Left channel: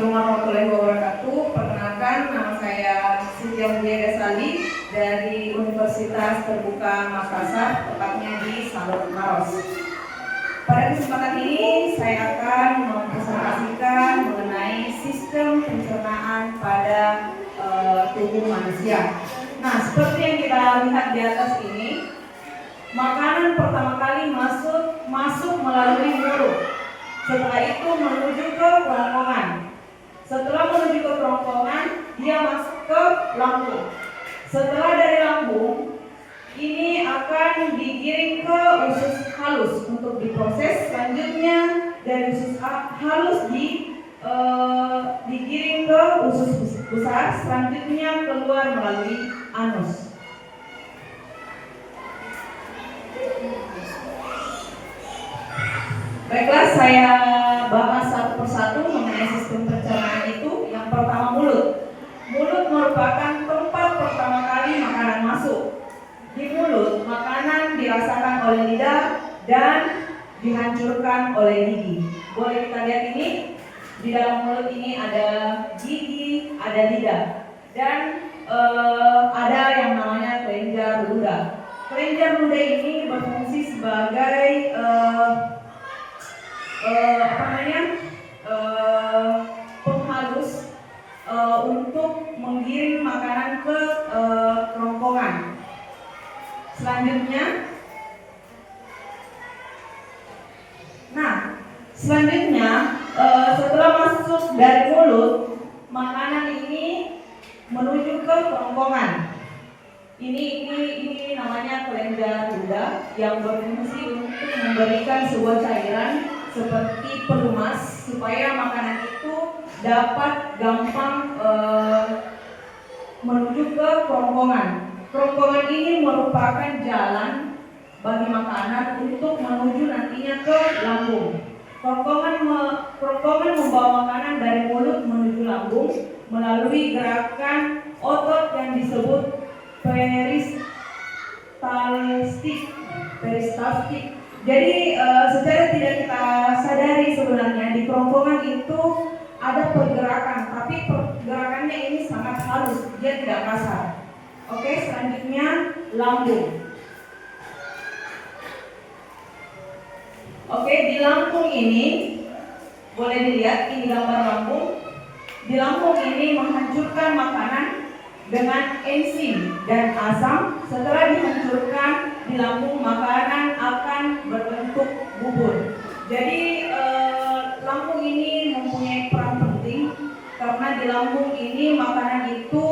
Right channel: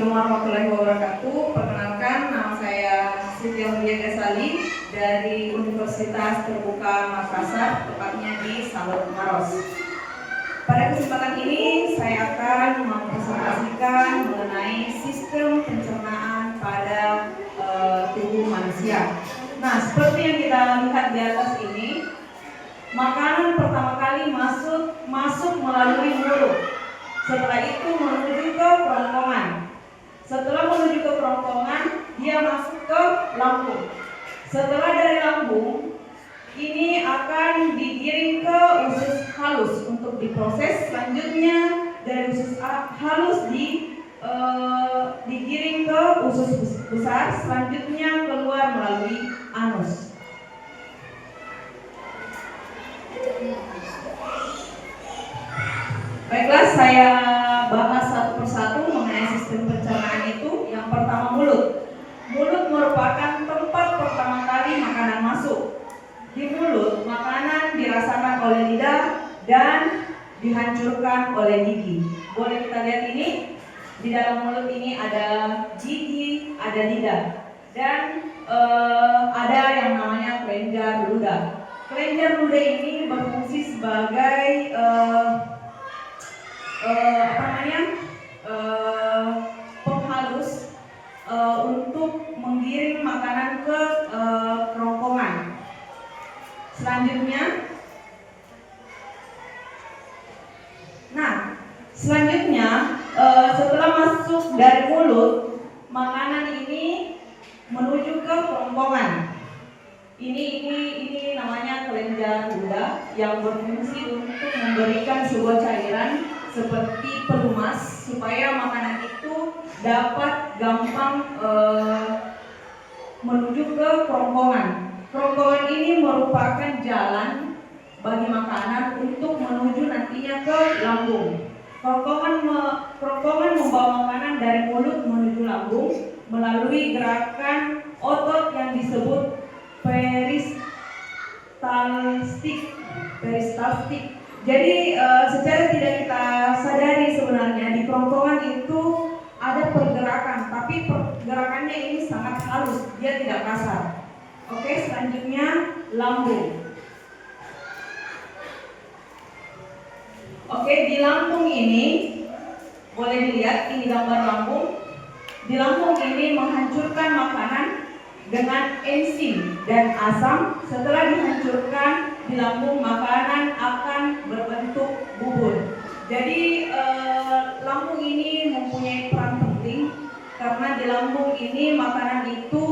Assalamualaikum warahmatullahi wabarakatuh. Perkenalkan, nama saya Siti Aulia Gasali dari Universitas Terbuka Makassar, tepatnya di Salur Maros. Pada kesempatan ini saya akan mempresentasikan mengenai sistem pencernaan pada tubuh manusia. Nah, seperti yang kita lihat di atas ini, makanan pertama kali masuk melalui mulut. Setelah itu menuju ke kerongkongan. Setelah menuju ke kerongkongan, dia masuk ke lambung. Setelah dari lambung, ini akan digiring ke usus halus untuk diproses. Selanjutnya dari usus halus digiring ke usus besar. Selanjutnya keluar melalui anus. Baiklah, saya bahas satu persatu mengenai sistem pencernaan itu. Yang pertama, mulut. Mulut merupakan tempat pertama kali makanan masuk. Di mulut, makanan dirasakan oleh lidah dan dihancurkan oleh gigi. Boleh kita lihat ini. Di dalam mulut ini ada gigi, ada lidah, dan ada yang namanya kelenjar ludah. Kelenjar ludah ini berfungsi sebagai penghalus untuk menggiring makanan ke kerongkongan. Selanjutnya setelah masuk dari mulut, makanan ini menuju ke kerongkongan. Ini namanya kelenjar ludah yang berfungsi untuk memberikan sebuah cairan seperti pelumas supaya makanan itu dapat gampang menuju ke kerongkongan. Kerongkongan ini merupakan jalan bagi makanan untuk menuju nantinya ke lambung. Kerongkongan membawa makanan dari mulut menuju lambung melalui gerakan otot yang disebut peristaltik. Jadi secara tidak kita sadari sebenarnya di kerongkongan itu ada pergerakan, tapi pergerakannya ini sangat halus, dia tidak kasar. Oke, selanjutnya lambung. Oke, di lambung ini boleh dilihat, ini gambar lambung. Di lambung ini menghancurkan makanan dengan enzim dan asam. Setelah dihancurkan di lambung, makanan akan berbentuk bubur. Jadi lambung ini mempunyai peran penting karena di lambung ini makanan itu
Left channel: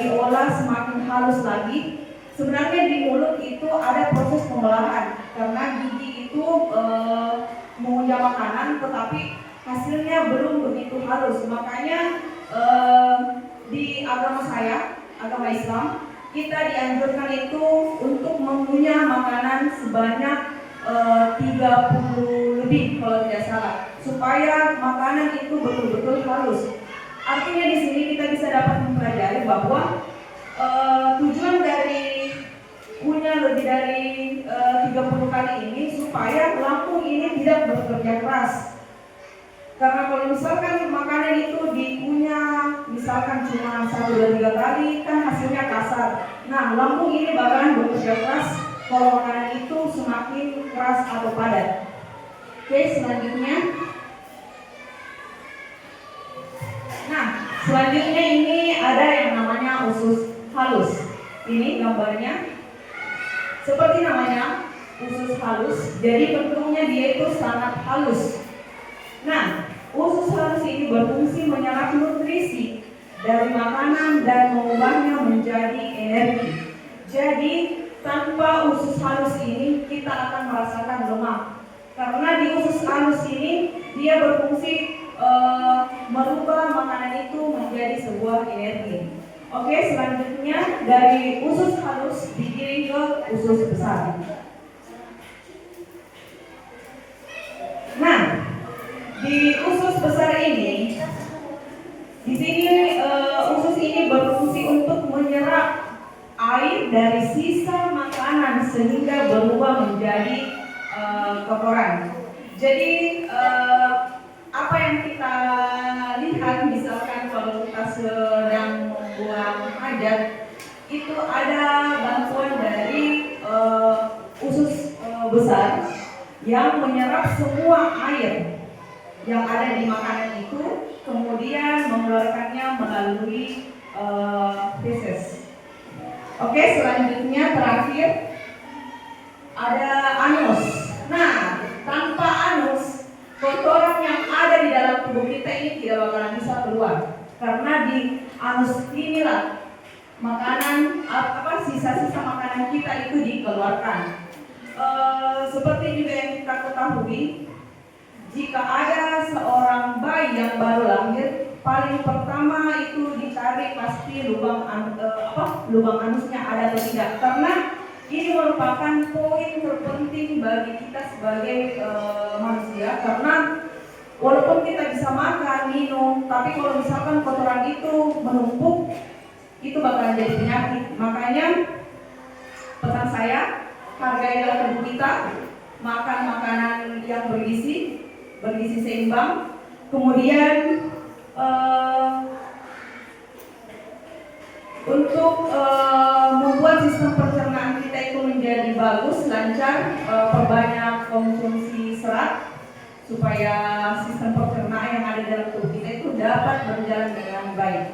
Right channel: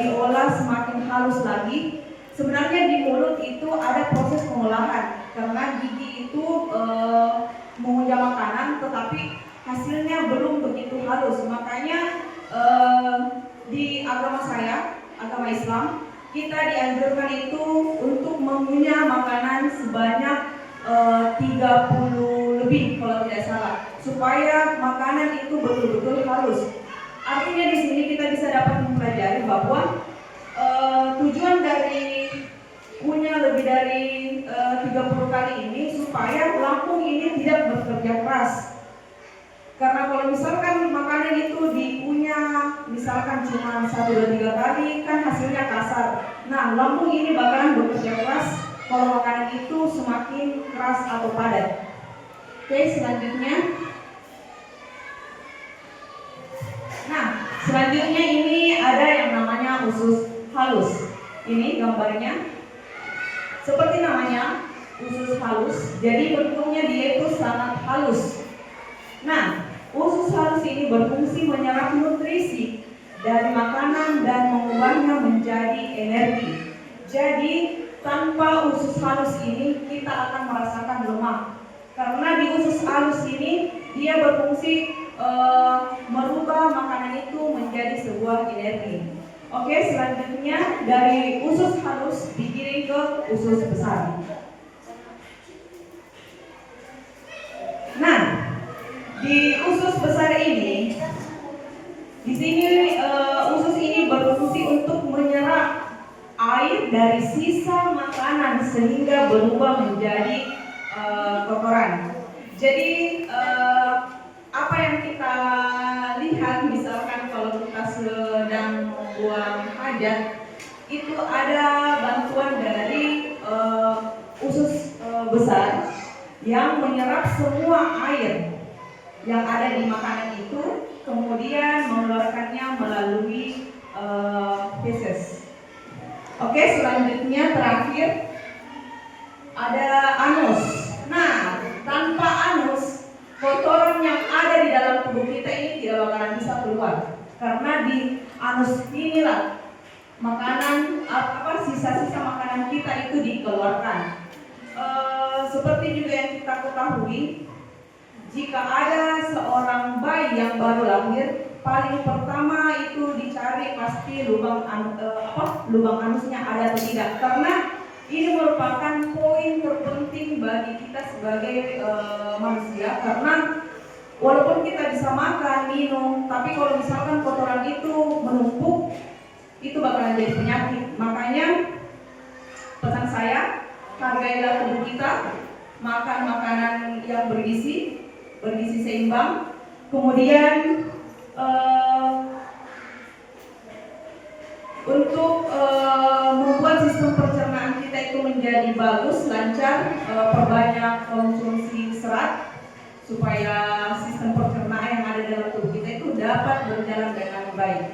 diolah semakin halus lagi. Sebenarnya di mulut itu ada proses pengolahan karena gigi itu mengunyah makanan, tetapi hasilnya belum begitu halus. Makanya di agama saya, agama Islam, kita dianjurkan itu untuk mengunyah makanan sebanyak 30 lebih kalau tidak salah, supaya makanan itu betul-betul halus. Artinya di sini kita bisa dapat mempelajari bahwa tujuan dari punya lebih dari 30 kali ini supaya lambung ini tidak bekerja keras. Karena kalau misalkan makanan itu dikunyah misalkan cuma 1-2-3 kali, kan hasilnya kasar. Nah, lambung ini bakalan bekerja keras kalau makanan itu semakin keras atau padat. Oke, selanjutnya. Nah, selanjutnya ini ada yang namanya usus halus. Ini gambarnya. Seperti namanya, usus halus. Jadi bentuknya dia itu sangat halus. Nah, usus halus ini berfungsi menyerap nutrisi dari makanan dan mengubahnya menjadi energi. Jadi tanpa usus halus ini kita akan merasakan lemak. Karena di usus halus ini dia berfungsi merubah makanan itu menjadi sebuah energi. Oke, selanjutnya dari usus halus digiring ke usus besar. Nah, di usus besar ini, di sini usus ini berfungsi untuk menyerap air dari sisa makanan sehingga berubah menjadi kotoran. Jadi apa yang kita panjat, itu ada bantuan dari usus besar yang menyerap semua air yang ada di makanan itu, kemudian mengeluarkannya melalui feses. Oke, selanjutnya terakhir ada anus. Nah, tanpa anus, kotoran yang ada di dalam tubuh kita ini tidak bakalan bisa keluar, karena di anus inilah makanan sisa-sisa makanan kita itu dikeluarkan. Seperti juga yang kita ketahui, jika ada seorang bayi yang baru lahir, paling pertama itu dicari pasti lubang anusnya ada atau tidak, karena ini merupakan poin terpenting bagi kita sebagai manusia, karena walaupun kita bisa makan, minum, tapi kalau misalkan kotoran itu menumpuk, itu bakalan jadi penyakit. Makanya pesan saya, hargailah tubuh kita, makan makanan yang bergizi seimbang, kemudian untuk membuat sistem pencernaan kita itu menjadi bagus, lancar, perbanyak konsumsi serat supaya sistem pencernaan yang ada dalam tubuh kita itu dapat berjalan dengan baik.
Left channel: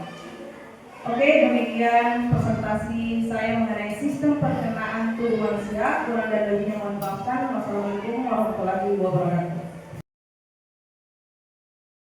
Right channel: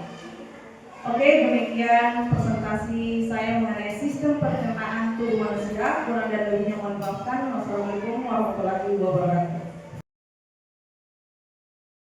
Oke, demikian presentasi saya mengenai sistem pencernaan tubuh manusia. Kurang dan lebihnya mohon maafkan. Wassalamualaikum warahmatullahi wabarakatuh.